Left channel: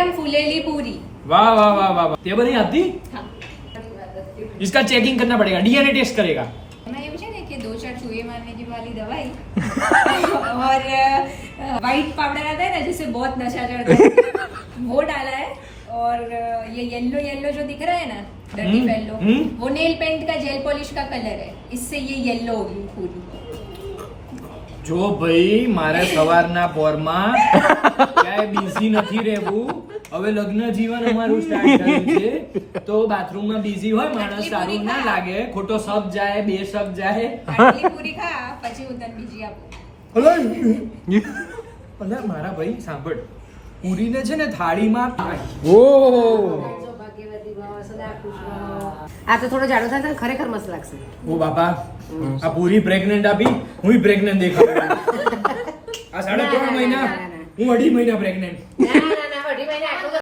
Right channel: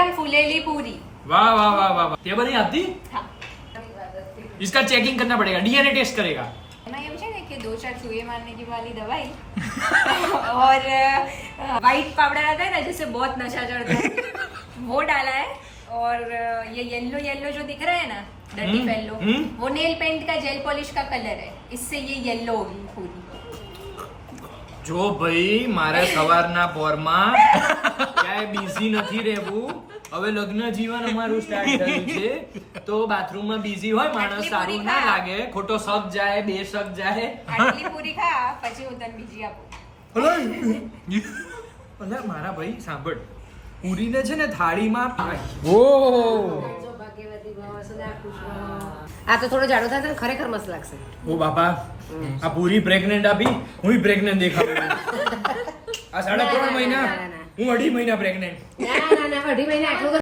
गरम फूलेली पूरी। वाह वाह वाह वाह, ये बनी आती? हाँ। इसका चेकिंग करना पड़ेगा, डीएनए टेस्ट करेगा। मैं ये पूछा ना कि 2-4 चूहे मारने की वाली दवाई और व्हाइट पाउडर आता है ना जिससे बहुत नशा चढ़ता है वो डाला है, और ये येलो येलो जो दिख रहा है ना डर्टी येलो, वो नेल पेंट का जेल पॉलिश का कलर है, इससे ये येलो होगी पूरी। જો ભાઈ મારે સવારના પોરમાં ક્યાંય બિઝી નથી રહેવું, હવે લગ્ન જીવન અમારું સ્ટાર્ટ થયું છે, તો બાથરૂમમાં બિઝી હોય માણસ સારું ના લાગે, ખોટો શક જાય, બે શક જાય. આટલી પૂરી ખા પછી હું તને બીજી આપું. અલે મારા ભાઈ સાંભળ, પૂરીને છે ને થાળીમાં ઓ આ તો થોડો જાડો થાય તો ખરેખર મસ્ત લાગશે. ઓ બાપા, આ પૂરી પ્રેગ્નન્ટ આપી, હું પ્રેગ્નન્ટ દેખાવું. આ 3.5 મહિના, હું 2.5 મહિના પ્રેગ્નન્ટ. ના 2.5 મહિના આટલું